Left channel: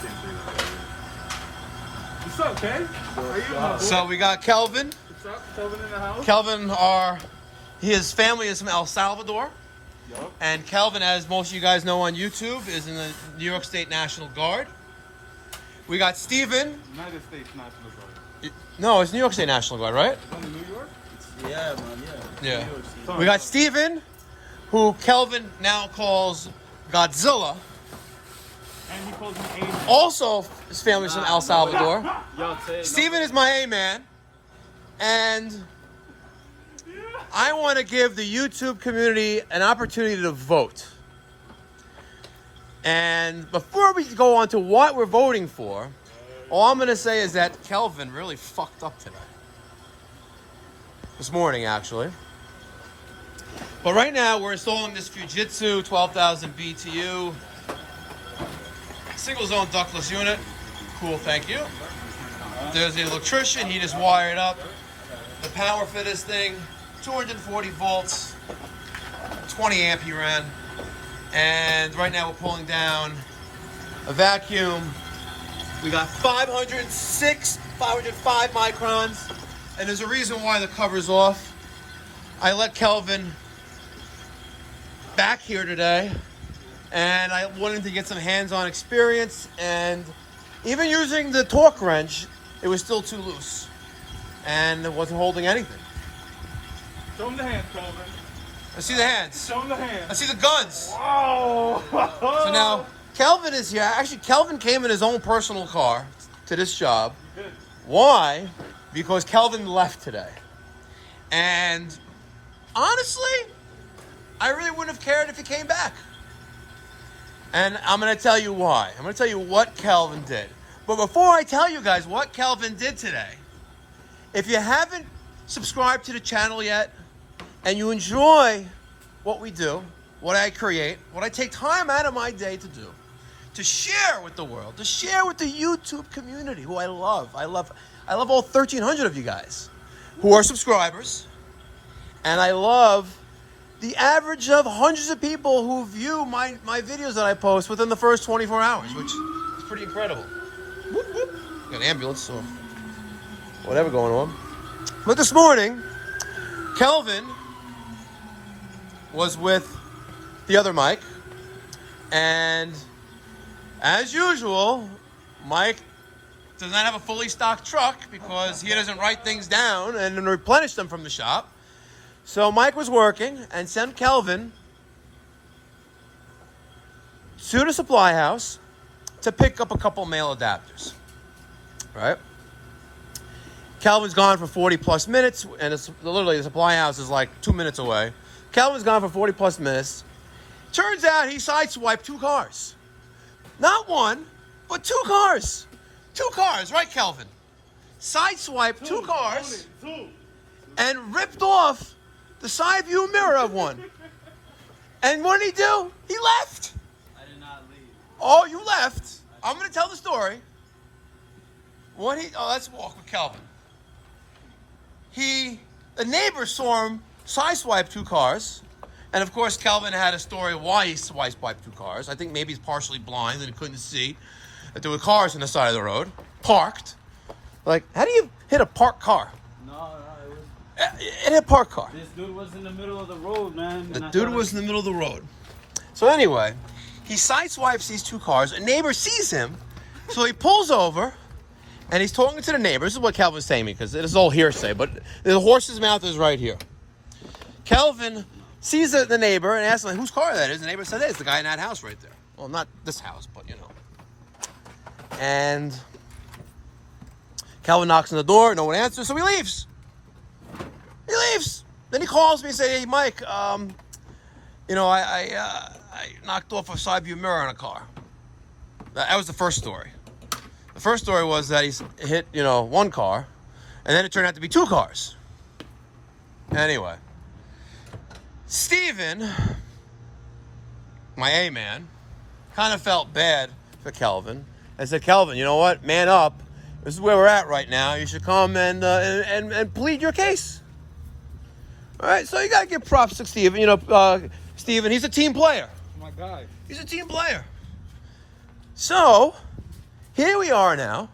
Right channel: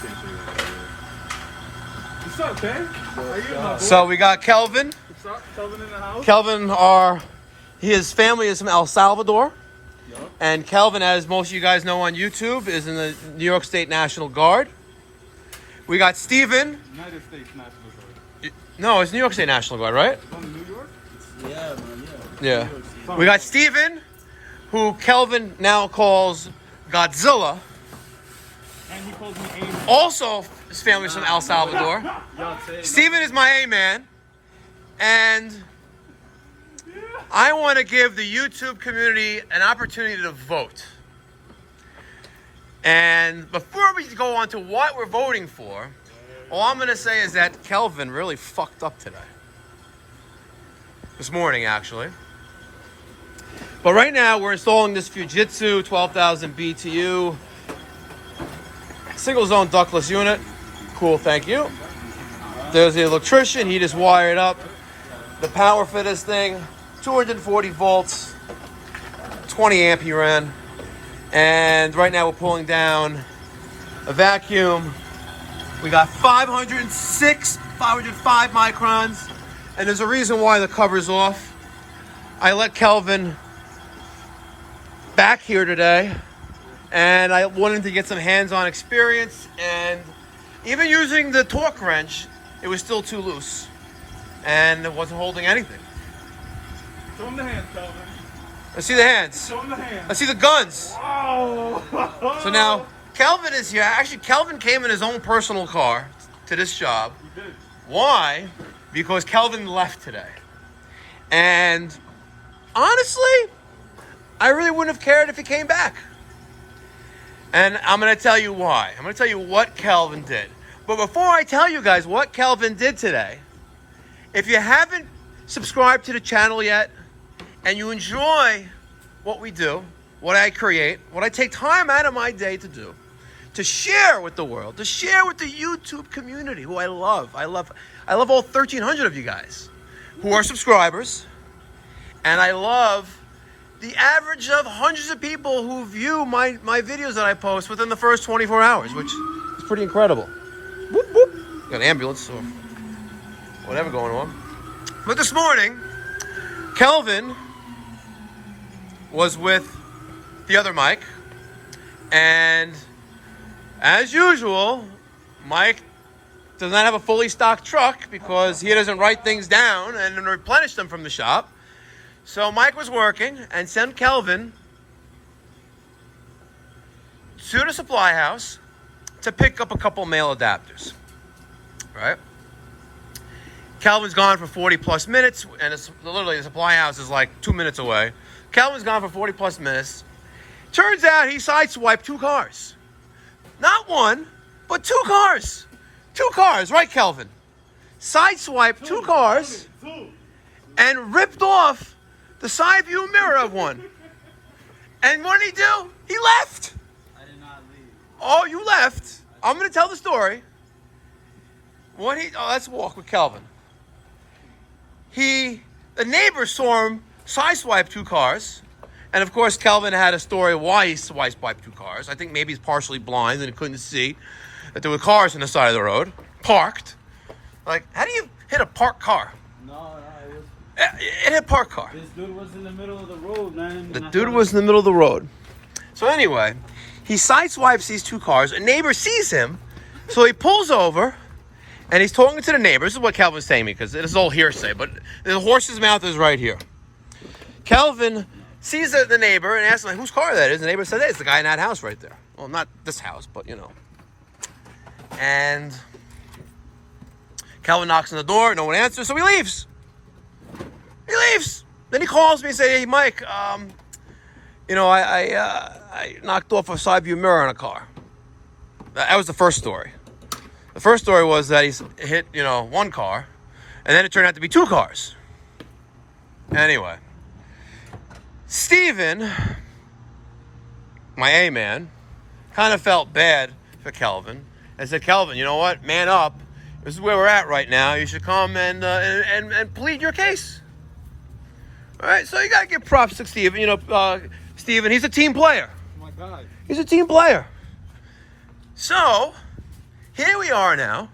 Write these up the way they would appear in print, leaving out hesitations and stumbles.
can't say that. What's up, Kay? How you doing, my boy? So we got Kelvin. What's up? Kelvin in the house? Kelvin, his family is from El Salvador. Yup. And Kelvin, as most of you guys know on YouTube, is in the New York State National Guard. We got Steven. United States National Guard. No, it's New York State National Guard, right? It's only New York? Yeah, man, Yeah. We got Steven, who Kelvin now calls Godzilla. And he calls me A-Man. Also, his family's from El Salvador. Yo, Steven is my A-man. And I want to give the YouTube community an opportunity to vote. And before we go on to what we're voting for, all I'm going to say is that Kelvin really fucked up today. This morning, actually. But right now, we're installing this Fujitsu 12,000 BTU single zone ductless unit. Cool, thank you. There's the electrician. He just wired up the power for this thing. 240 volts, 20 amp he ran. And right now we're pulling down a vacuum. We got 506, 505 microns. And there's a reason why the cover's off. I let Kelvin back here today. And I wanted to get some hands-on experience. And even using the torque wrench, it was still too loose. And it wasn't holding anything. Show him the hands, Kelvin. Let's see the hands. Show him the hands. Let's see the guns. Oh! So now, Kelvin is here. Actually, Kelvin came in his own personal car to this job. Why? Because Kelvin left today. And honestly, I really wouldn't have cared if he came back. And I'm going to tell you why. I'm going to tell you what Kelvin did. But before I tell you guys what Kelvin did today, if you haven't subscribed to the channel yet, and you enjoy what we do, what I create, what I take time out of my day to do, to share with the world, to share with the YouTube community, who I love. I love all 1,300 of you guys who are subscribers. And I love the average of hundreds of people who view my videos that I post within the first 24 hours, which is pretty incredible. Whoop, whoop. Got an ambulance or whatever going on. But this morning, Kelvin was with the other Mike, and as usual, Mike does not have a fully stocked truck because he doesn't write things down and then replenish them from the shop. So Mike was working and sent Kelvin to the supply house to pick up a couple male adapters, right? Kelvin's gone for 40 plus minutes, and it's literally the supply house is like 2 minutes away. Kelvin's gone for 40 plus minutes. Turns out he sideswiped 2 cars. Not one, but 2 cars. 2 cars, right, Kelvin? Sideswiped 2 cars and ripped off the side view mirror of one. And what did he do? He left. I did not leave. Oh, you left. I'm going to tell the story. Let's walk with Kelvin. The neighbor saw him sideswipe 2 cars. And of course, Kelvin had a story why he sideswiped 2 cars. I think maybe he's partially blind and he couldn't see that there were cars on the side of the road, parked. Like, how do you hit a parked car? No, it was. It hit a parked car. This dude was in the middle of the road, man. The dude was in the middle of the road. So anyway, he sideswipes these 2 cars. A neighbor sees him, so he pulls over. And he's talking to the neighbor. This is what Kelvin's saying me, because it is all hearsay, but the horse's mouth is right here. Kelvin sees the neighbor and asks him, whose car that is. The neighbor says, hey, it's the guy in that house right there. Well, not this house, but you know. And Kelvin knocks on the door. No one answers, so he leaves. He leaves. Then he calls me and says, hey, Mike, I knocked off a side view mirror on a car. That was the first story. The first story was that he hit, 1 car, and then it turned out to be 2 cars. Anyway, Steven, my A-man, kind of felt bad for Kelvin and said, Kelvin, you know what? Man up. This is where we're at right now. You should come and plead your case. All right, so you got to give props to Steven. Steven, he's a team player. My guy. He's a team player. So here we are now.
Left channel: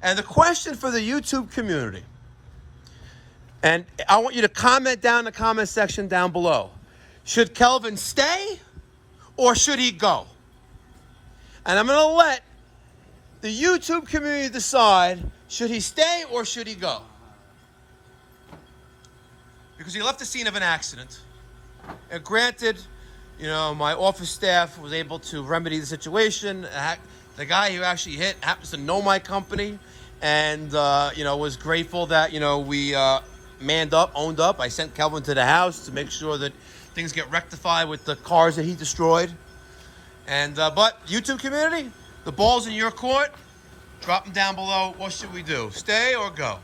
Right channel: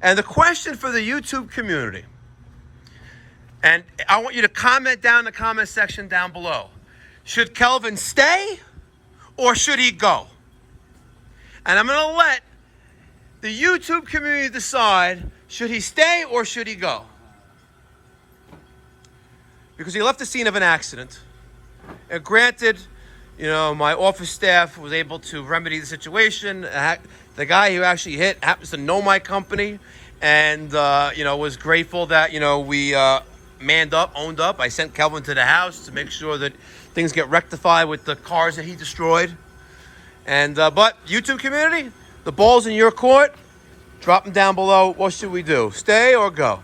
And the question for the YouTube community, and I want you to comment down in the comment section down below. Should Kelvin stay or should he go? And I'm going to let the YouTube community decide, should he stay or should he go? Because he left the scene of an accident. And granted, my office staff was able to remedy the situation. The guy who actually hit happens to know my company and, was grateful that, we owned up. I sent Kelvin to the house to make sure that things get rectified with the cars that he destroyed. And but YouTube community, the ball's in your court. Drop them down below. What should we do? Stay or go?